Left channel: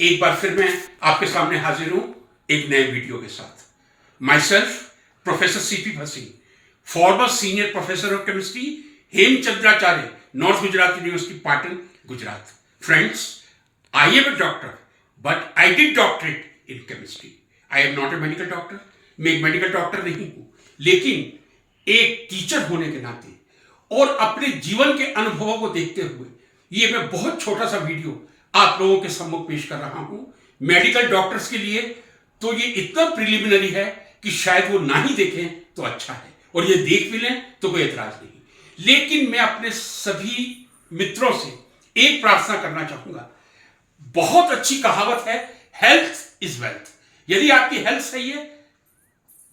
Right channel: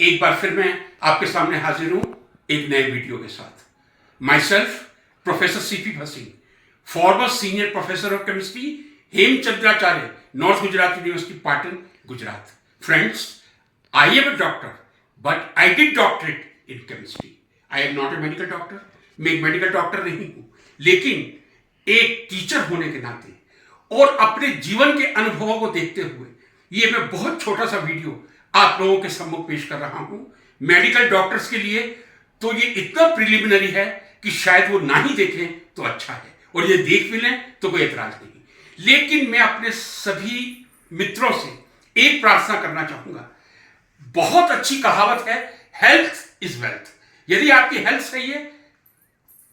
एक बार फिर मैं आपके सामने हाजिर हूं एक नए वीडियो के साथ। Myself professor CP Bhasin, former senior professor of chemistry, Hemchandracharya, north Gujarat university Patan, Gujarat. Friends, I am a doctor but I did doctorate in chemistry. I am not a medical doctor, मैं एक मेडिकल डॉक्टर नहीं हूं, लेकिन एक teacher होने के नाते और अपने जीवन के अनुभवों को देखते हुए ये मैं बहुत छोटा सा वीडियो आप लोगों के सम्मुख पेश कर रहा हूं। मेडिकल डॉक्टर्स के लिए तो ये इतना प्रिलिमिनरी है कि शायद वो ना ही देखें तो अच्छा है, और ये देख भी लें तो कोई एतराज नहीं। लेकिन मैं अपने सभी मित्रों से एक प्रार्थना करना चाहूंगा। बहुत अच्छी कहावत है, हेल्थ इज वेल्थ। यदि आपकी हेल्थ सही है,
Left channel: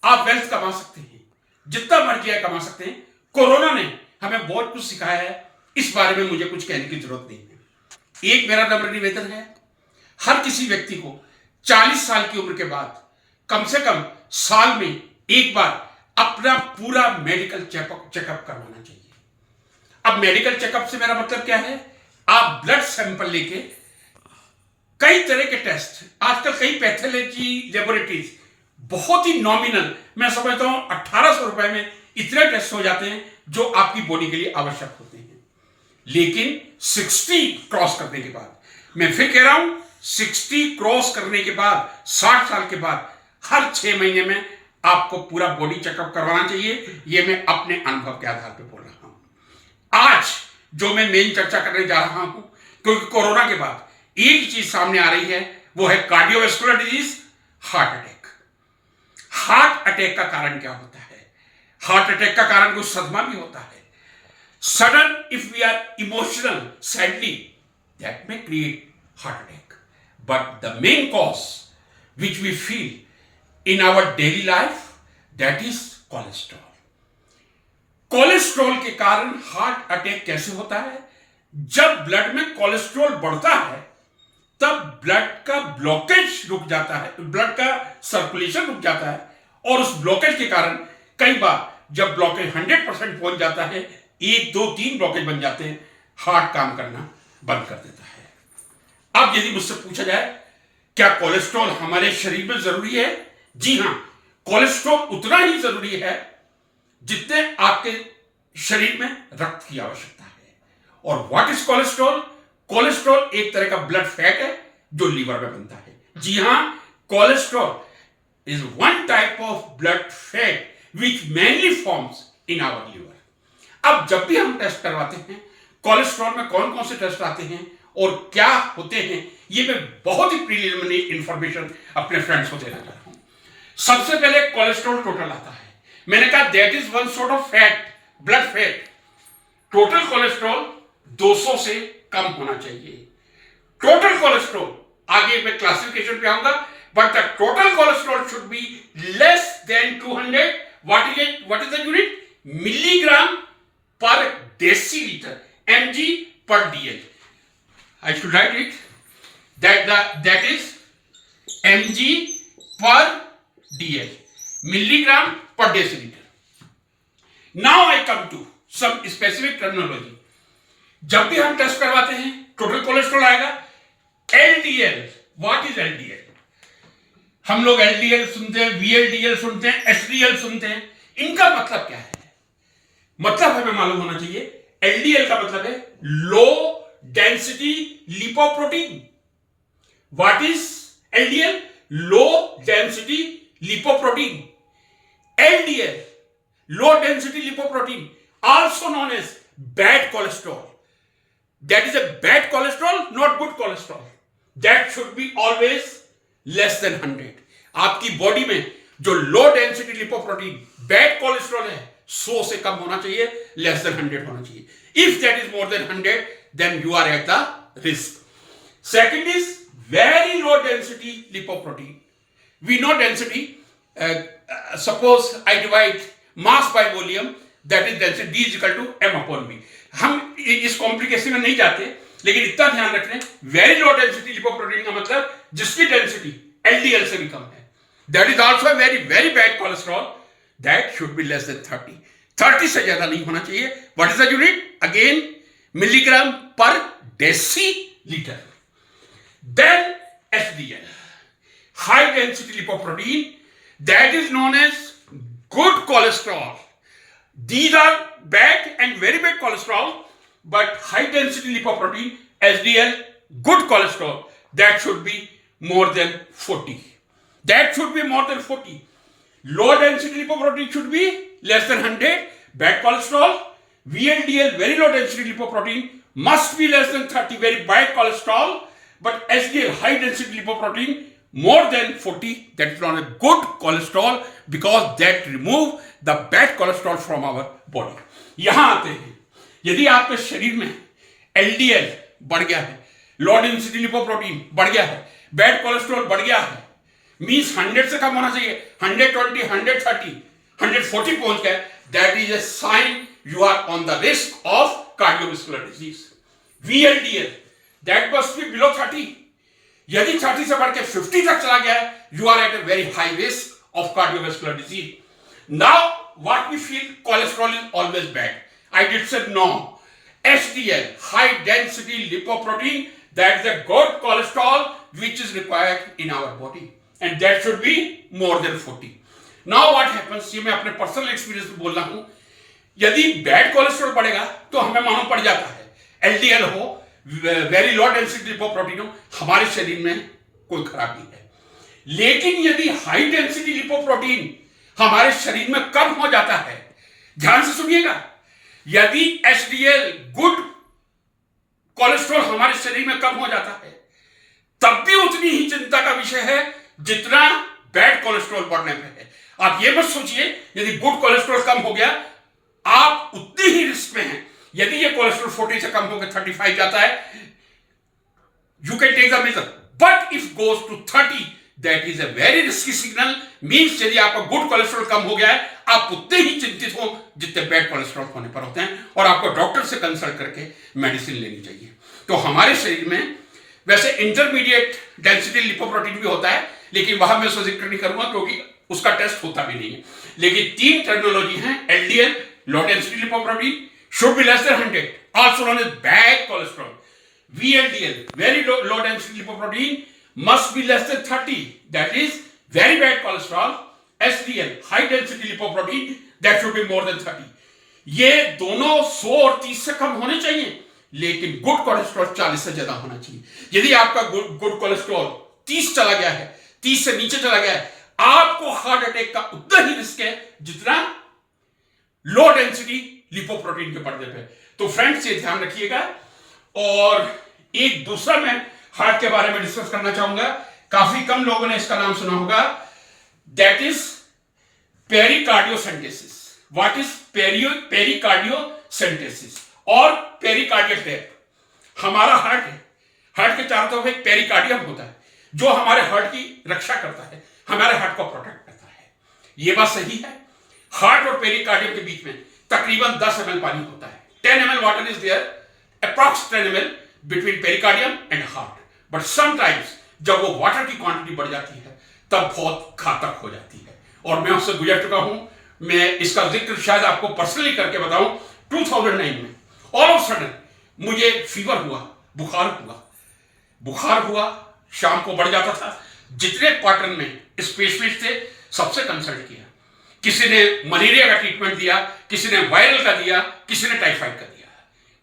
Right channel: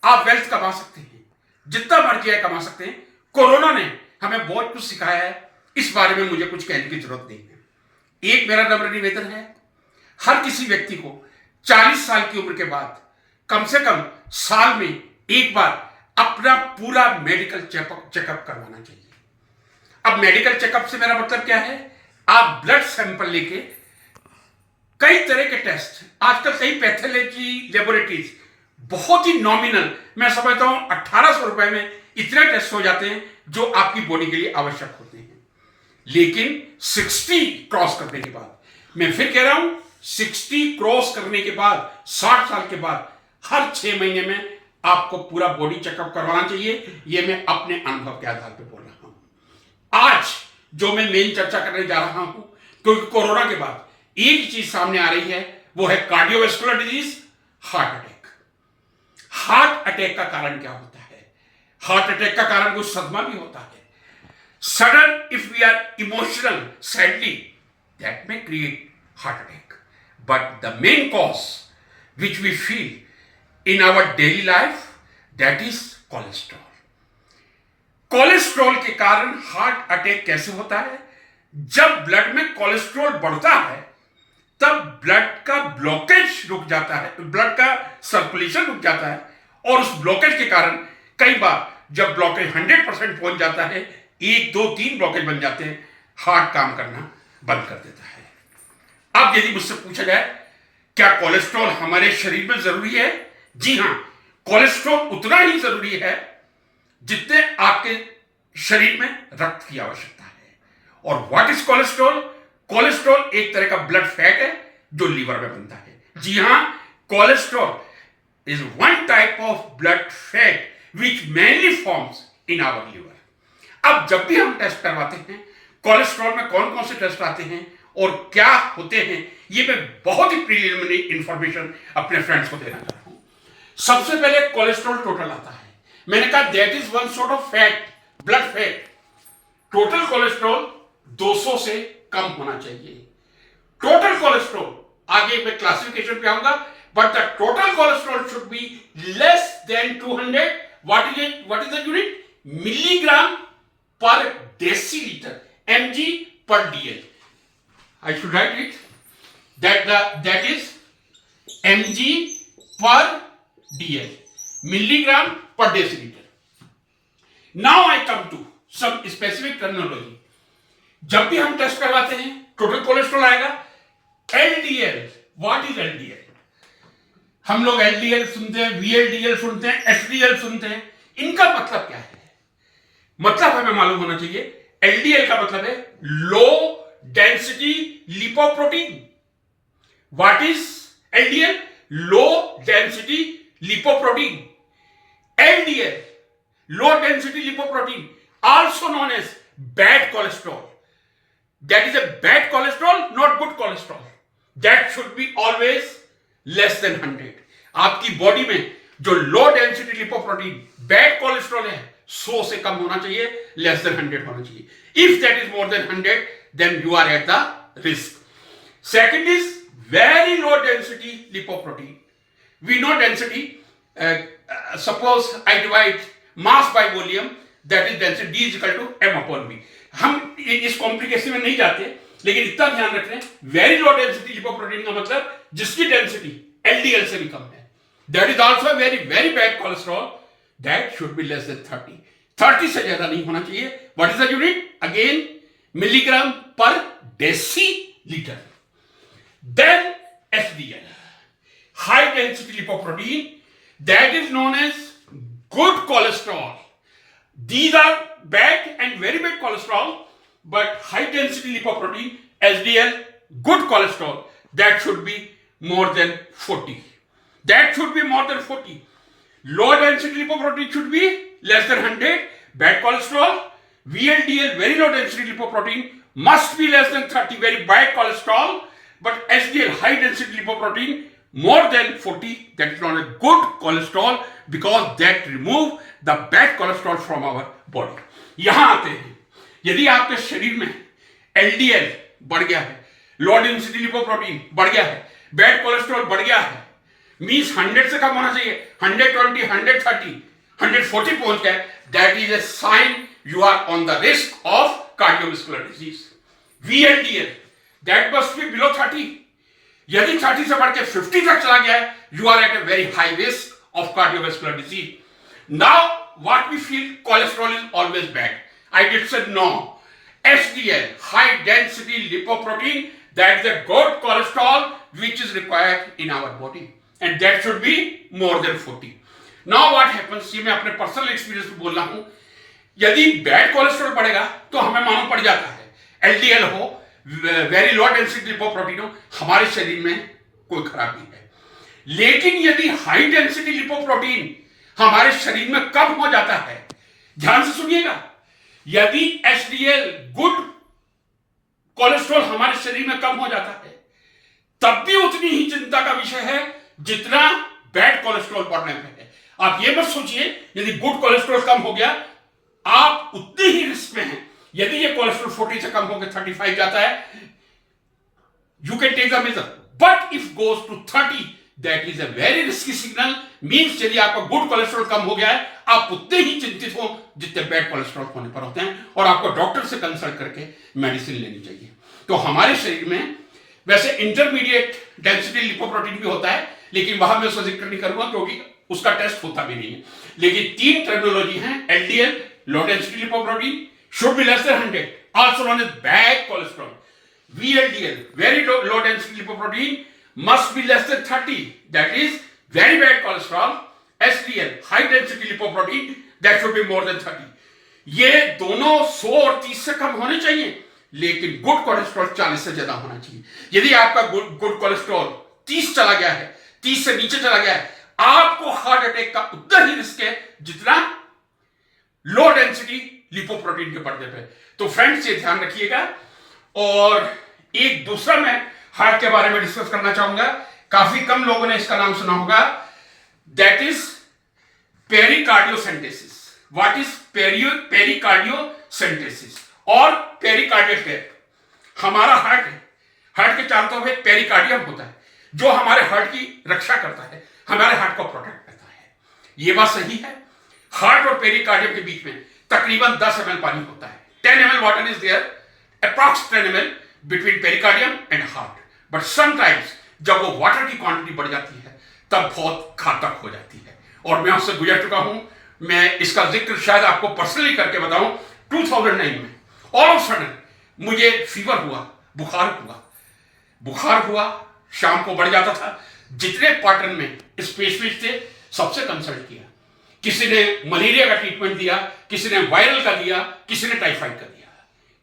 आप वेल्थ कमा सकते हैं, जितना मर्जी है कमा सकते हैं। कोरोना ने हमें बहुत कुछ सिखाया है, इस बारे में मुझे कुछ कहने की जरूरत नहीं है। एक मेरा नम्र निवेदन है, हर किसी व्यक्ति को 40 साल की उम्र के बाद कम से कम साल में एक बार अपना पूरा मेडिकल चेकअप करवाना चाहिए। अब मेडिकल चेकअप से मेरा मतलब क्या है? आप ब्लड सैंपल लेके कई तरह के टेस्ट, आजकल कई पैथोलॉजी लेबोरेटरीज बहुत ही नॉमिनल, मैं समझता हूं 1800 रुपए में इतने टेस्ट हो जाते हैं जो आपकी बॉडी के लिए आवश्यक होते हैं। लेकिन 60 क्रॉस करने के बाद, मैं फिर कह रहा हूं 60 क्रॉस करने के बाद, 60 साल के बाद हर 6 महीने में आपको पूरा बॉडी चेकअप करवाना चाहिए। यह मैं अपने अनुभव के आधार पर बोल रहा हूं। आज जो मैं मेन चर्चा करने जा रहा हूं, क्योंकि कोरोना के बाद एक ही चीज सामने आ रही है, वो है cardiovascular disease, heart attack. Heart attack का कारण क्या होता है? हार्ट अटैक का कारण कुछ सदमा भी होता है। Sudden, if we are emotional, sadly, that may create heart attack. But the main cause which we feel in our daily life, that is cholesterol. Cholesterol के कारण हार्ट अटैक कैसे होता है? जब ब्लड में कोलेस्ट्रॉल बढ़ता है, तब ब्लड का ब्लॉकेज रुक जाता है, ब्लड का सर्कुलेशन रुक जाता है, और उस ब्लॉकेज के कारण कई बार जब ब्लॉकेज 100% पहुंच जाता है, 1, 2, 3 ब्लॉकेज बन जाते हैं, हार्ट काम करना बंद कर देता है। अब यदि मुझसे पूछा जाए क्या कोलेस्ट्रॉल हमारे शरीर में जरूरी है? जी हां, कोलेस्ट्रॉल उतना ही जरूरी है जितने आपके शरीर में रक्त की आवश्यकता है। और व्हाट इज कोलेस्ट्रॉल? कोलेस्ट्रॉल एक तरह का ब्लड फैट है जो लीवर में बनता है। जी हां, cholesterol is one type of blood fat which mainly forms in our liver. अब जब भी हम टेस्ट करवाते हैं, कोलेस्ट्रॉल में कौन कौन से टेस्ट आते हैं और क्या होते हैं, ये मैं बहुत ही प्रीलिमिनरी इंफॉर्मेशन अपने फ्रेंड्स को देना चाहता हूं। सबसे पहले कोलेस्ट्रॉल टोटल आता है। मैंने कहा that is one sort of fat, blood fat. Total cholesterol 200 से कम होना चाहिए। टोटल कोलेस्ट्रॉल, आगे मैं क्लासिफिकेशन पे आऊंगा, but the total cholesterol should be less than 200। What is the unit? Milligram per deciliter, mg per dl. I should write it that is mg per dl, milligram per deciliter. Now I come to some specific terminology. जब भी हम test करवाते हैं, total cholesterol आएगा। LDL, what is LDL? हम लोग LDL सुनते हैं, VLDL सुनते हैं, HDL सुनते हैं। इनका मतलब क्या है? मतलब हमें मालूम होना चाहिए। एलडीएल का मतलब है low density lipoprotein. What is LDL? Low density lipoprotein. LDL, low density lipoprotein, also known as bad cholesterol. That is a bad cholesterol, not good cholesterol. That should be always less than 100। आपकी body में जो low density lipoprotein bad cholesterol है, 100 से कम होना चाहिए, less than 100 होना चाहिए। If that is more than 100, then you are at the risk. Second is very low density lipoprotein. We know density, suppose I divide mass by volume, that is density D is equal to m/v। हम इस complication में नहीं जाते, लेकिन इतना ध्यान रख रहे हैं, वेरी लो डेंसिटी लिपोप्रोटीन का मतलब जिसकी डेंसिटी LDL से भी कम है। That is also a very very bad cholesterol, that should be less than 30. 30 से ज्यादा नहीं होना चाहिए। What is the unit? Again, milligram per deciliter. Then high density lipoprotein that is known as good cholesterol. These are bad and very bad cholesterol, but high density lipoprotein, HDL, good cholesterol, that should be more than 40. That should be more than 40. Low density lipoprotein should be less than 100. Bad cholesterol. VLDL, very low density lipoprotein, must be less than 30, very bad cholesterol. But HDL, high density lipoprotein, more than 40, that is not a good cholesterol because that remove the bad cholesterol from our body. यहां आते हैं, यदि आपके शरीर में LDL बढ़ गया है, लो डेंसिटी लिपोप्रोटीन बढ़ गया है, बैड कोलेस्ट्रॉल बढ़ गया है, मीन्स 100 से कम होना चाहिए, 120, 130, 140 पहुंच गया, that is a sign you are on the risk of cardiovascular disease. VLDL, that must be below 30. यदि 30 से बढ़ के 50 तक चला गया है, you are at a very high risk of cardiovascular disease. Now, what we feel, cholesterol is always bad. I did say no. HDL, high density lipoprotein, that is a good cholesterol which is required in our body. And that should be more than 40. Now what happens, ये मैं अपने personal experience में बोल रहा हूं, यदि bad cholesterol बढ़ेगा तो हमें मालूम पड़ जाता है, एलडीएल हो, वेरी लो डेंसिटी लिपोप्रोटीन हो, हमारे शरीर में कोई खराबी है। लेकिन यदि हाई डेंसिटी लिपोप्रोटीन हमारे शरीर में कम हो जाता है, ध्यान से सुनिएगा, यदि एचडीएल गुड कोलेस्ट्रॉल हमारे शरीर में कम हो जाता है, तब भी उतनी ही चिंता का विषय है जितना बैड कोलेस्ट्रॉल बढ़ने पे है। आप ये मत सोचिए यदि गुड कोलेस्ट्रॉल कम हो गया आप उतनी ही रिस्क में हैं। यदि ये कोलेस्ट्रॉल 40 से कम होकर 35 जाता है, you can take the measure, but if goes to 30 that is a very risky signal. Means यदि आपका गुड कोलेस्ट्रॉल कम हो गया है, आप उतने ही चिंतित हो जितने बैड कोलेस्ट्रॉल होने पर होते हैं, और आपको डॉक्टर से कंसल्ट करके मेडिसिन लेनी चाहिए। तो हमारे शरीर में वैसे इंटरमीडिएट डेंसिटी लिपोप्रोटीन भी होता है, लेकिन वहां मैं उसका जिक्र नहीं करूंगा क्योंकि उसका टेस्ट होता भी नहीं है। लेकिन 3 टर्मिनोलॉजी हैं, LDL low density lipoprotein should be less than 100, also known as bad cholesterol. VLDL, very low density lipoprotein, must be less than 30, that is very bad cholesterol. HDL, high density lipoprotein, that should be more than 30. ये दोनों 100 और 30 से कम होने चाहिए, लेकिन good cholesterol 40 से ज्यादा होना चाहिए। यदि आपका गुड कोलेस्ट्रॉल 30 चला गया है, 30 से नीचे चला गया है, आपको हार्ट अटैक का उतना ही रिस्क है जितना लो डेंसिटी लिपोप्रोटीन के बढ़ने पे। तो फ्रेंड्स ये ध्यान रखिएगा। और एक दूसरा मैं हार्ट के बारे में डिस्कस करना चाहूंगा, काफी कम लोगों ने इसका नाम सुना होगा, दैट इज पेरिकार्डियोसेंटेसिस। व्हाट इज पेरिकार्डियोसेंटेसिस और पेरिकार्डियल टैप? हमारा हार्ट है, हार्ट के चारों तरफ एक पेरिकार्डियम होता है जो हमारे हार्ट की रक्षा करता है, हमारे हार्ट को प्रोटेक्ट करता है। ये बात सही है। हार्ट और पेरिकार्डियम के बीच में तकरीबन 10 ml पानी होता है। 10 ml water is there, approx 10 ml between pericardium and heart. But sometimes जब वो वाटर की क्वांटिटी बढ़ जाती है तब बहुत घातक हो जाती है, और मैं उससे गुजर चुका हूं। मैं इसका जिक्र शायद आपको पर्सनली करके बताऊं। 2009 में ऑल ऑफ सडन मुझे फीवर हुआ, बुखार हुआ, शाम को बढ़ जाता था। जितने पैटर्न में स्पेशलिस्ट थे सबसे कंसल्ट किया, किसी ने मलेरिया का ट्रीटमेंट दिया, किसी ने वायरल का दिया, किसी ने टाइफाइड का दिया,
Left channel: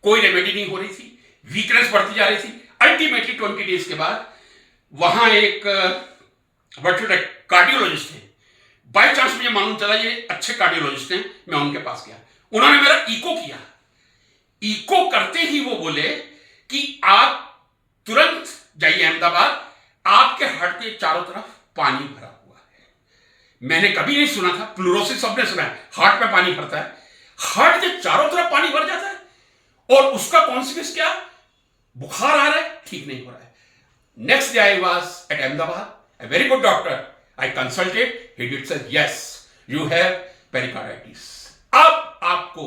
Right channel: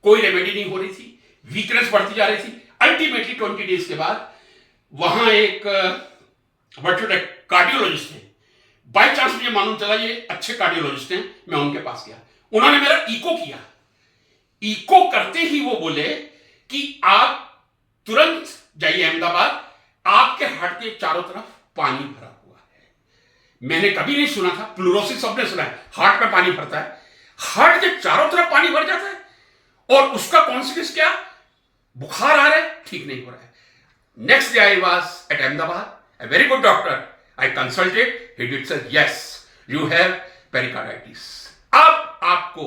कोई रेमेडी नहीं हो रही थी, वीकनेस बढ़ती जा रही थी। अल्टीमेटली 20 डेज के बाद वहां एक कार्डियोलॉजिस्ट थे, बाई चांस मुझे मालूम चला ये अच्छे कार्डियोलॉजिस्ट हैं, मैं उनके पास गया, उन्होंने मेरा इको किया। इको करते ही वो बोले कि आप तुरंत जाइए अहमदाबाद, आपके हार्ट के चारों तरफ पानी भरा हुआ है। मैंने कभी नहीं सुना था, प्लूरोसिस सबने सुना है, हार्ट में पानी भरता है, हार्ट के चारों तरफ पानी भर जाता है, और उसका कॉन्सिक्वेंस क्या? बुखार आ रहा है, ठीक नहीं हो रहा है। Next day I was at Ahmedabad, a very good doctor. I consulted. He did say, yes, you have pericarditis. अब आपको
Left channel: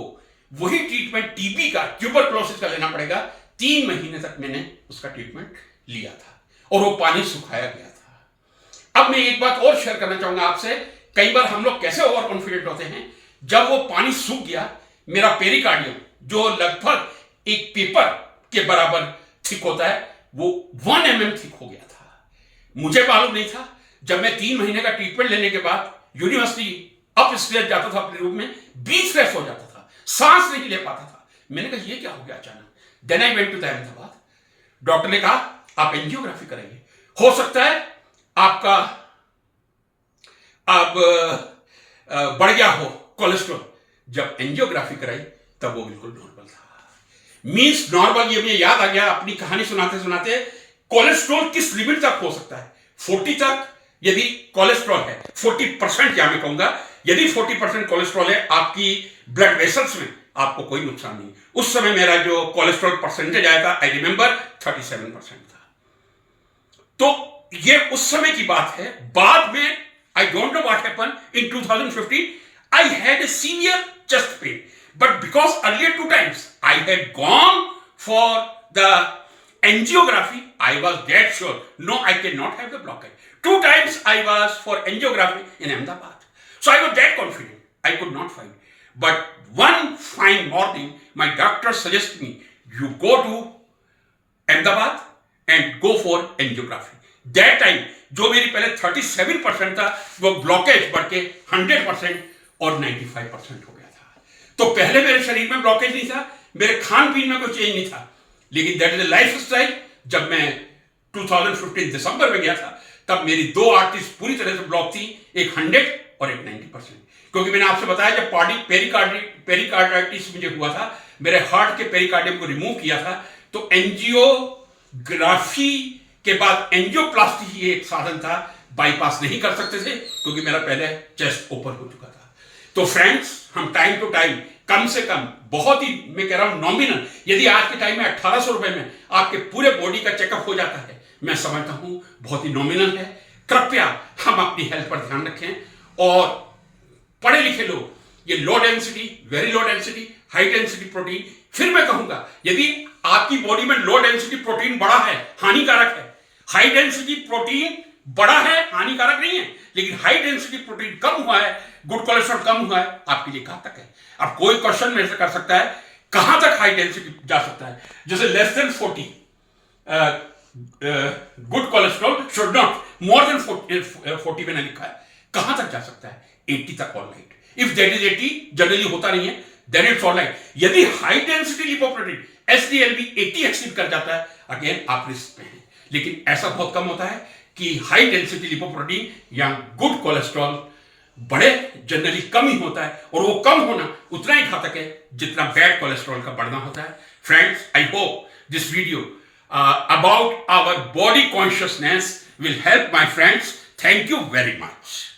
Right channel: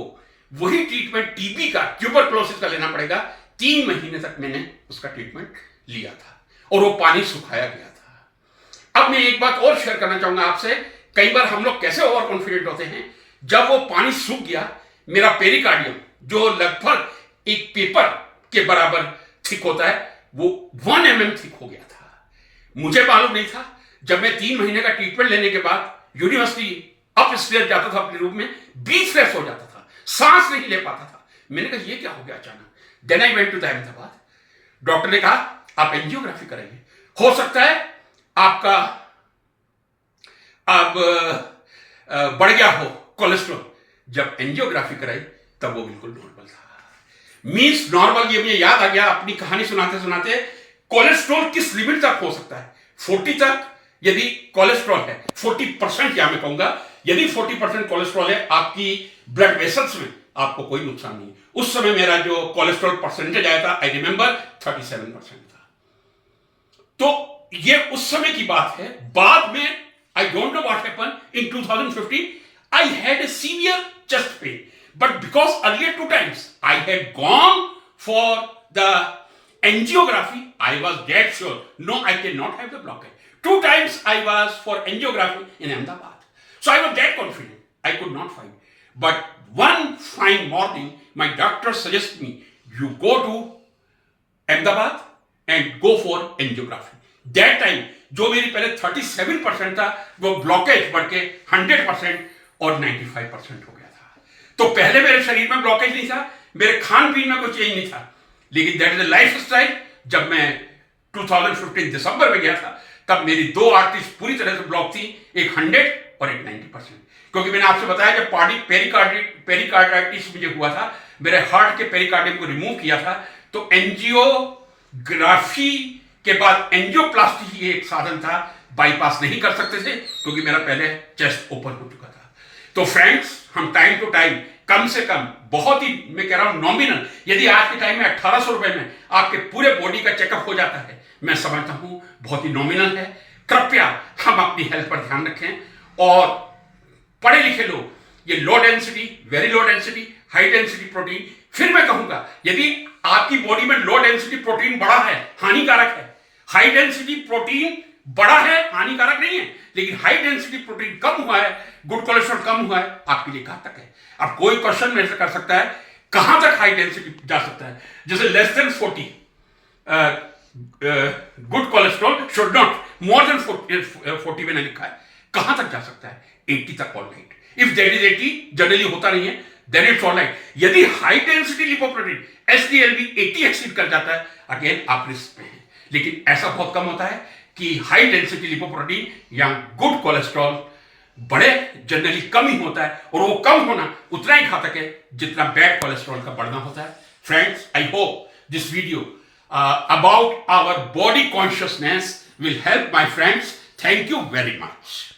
वही ट्रीटमेंट टीबी का, ट्यूबरक्लोसिस का लेना पड़ेगा। 3 महीने तक मैंने उसका ट्रीटमेंट लिया था और वो पानी सुखाया गया था। अब मैं एक बात और शेयर करना चाहूंगा आपसे। कई बार हम लोग कैसे ओवर कॉन्फिडेंट होते हैं, जब वो पानी सूख गया, मेरा पेरिकार्डियम जो लगभग एक पेपर के बराबर थिक होता है, वो 1 mm थिक हो गया था। मुझे मालूम नहीं था, जब मैं 3 महीने का ट्रीटमेंट लेने के बाद यूनिवर्सिटी अप स्टेज जाता था अपने रूम में, ब्रीथलेस हो जाता था, सांस नहीं ले पाता था। मैंने कहा ये क्या हो गया अचानक। Then I went to the Ahmedabad. Doctor ने कहा आप एंजियोग्राफी कराइए, हो सकता है आपका अब बढ़ गया हो कोलेस्ट्रॉल। जब एंजियोग्राफी कराई तब वो बिल्कुल नॉर्मल था। मींस नॉर्मल, ये मुझे याद आ गया अपनी कहानी सुनाते सुनाते। कोलेस्ट्रॉल किस लिमिट तक हो सकता है? 40 तक यदि कोलेस्ट्रॉल है, 40% या मैं कहूंगा यदि 40% कोलेस्ट्रॉल है आपकी ब्लड वेसल्स में, आपको कोई नुकसान नहीं। उस समय मेरा जो कोलेस्ट्रॉल परसेंटेज आया था, आई रिमेंबर 37% था। तो ये उस समय की बात है। बाद में I don't know what happened in 2015, I had a severe chest pain, but because earlier 2 times I had gone for the angiography, I was dead sure, no, I cannot have the blockage. 2 times I was for angiography in Ahmedabad. So I was that confident. I could not find. But one fine morning, my doctor suggested me, you go to Ahmedabad and go for angiography. That time, जो मेरी पहले 37% था, वो blockage बढ़ के 100% और 95% हो गया था। तो पहले मेरे शरीर में ब्लॉकेज नहीं था, मेरे खान पीन में कोई चेंज नहीं था, लेकिन दैट इज लाइफ स्टाइल। जब मैं 2015 दिसंबर में गया था, तब मेरी 2 आर्टरीज पूरी तरह से ब्लॉक थी, एक 100 और एक 90%। क्योंकि मैंने आपसे बताया जब पेरिकार्डाइटिस मुझे हुआ था, मेरे हार्ट के पेरिकार्डियम को रिमूव किया था, तो एंजियोग्राफी के बाद एंजियोप्लास्टी ही एक साधन था, बाईपास नहीं कर सकते थे क्योंकि मेरा पहले चेस्ट ओपन हो चुका था। तो फ्रेंड्स, हम टाइम टू टाइम कम से कम, बहुत ही मैं कह रहा हूं नॉमिनल, यदि आज के टाइम में 1800 रुपए में आपके पूरे बॉडी का चेकअप हो जाता है, मैं समझता हूं बहुत ही नॉमिनल है। कृपया हम अपनी हेल्थ पर ध्यान रखें। और पढ़े लिखे लोग ये low density, very low density, high density protein, फिर मैं कहूंगा यदि आपकी बॉडी में लो डेंसिटी प्रोटीन बड़ा है, हानिकारक है, हाई डेंसिटी प्रोटीन बड़ा है, हानिकारक नहीं है, लेकिन हाई डेंसिटी प्रोटीन कम हुआ है, गुड कोलेस्ट्रॉल कम हुआ है, आपके लिए कहां तक है? अब कोई क्वेश्चन मेरे से कर सकता है कहां तक हाई डेंसिटी जा सकता है? जैसे less than 40 good cholesterol should not, more than 40 मैंने लिखा है, कहां तक जा सकता है? 80 तक all right. If that is 80, generally होता नहीं है, देन इट्स ऑल राइट। यदि हाई डेंसिटी लिपोप्रोटीन एसडीएलबी 80 एक्सीड कर जाता है, अगेन आप रिस्क में हैं। लेकिन ऐसा बहुत कम होता है कि हाई डेंसिटी लिपोप्रोटीन या गुड कोलेस्ट्रॉल बड़े, जनरली कम ही होता है, और वो कम होना उतना ही घातक है जितना बैड कोलेस्ट्रॉल का बढ़ना होता है। Friends, I hope this video about our body consciousness will help my friends. Thank you very much.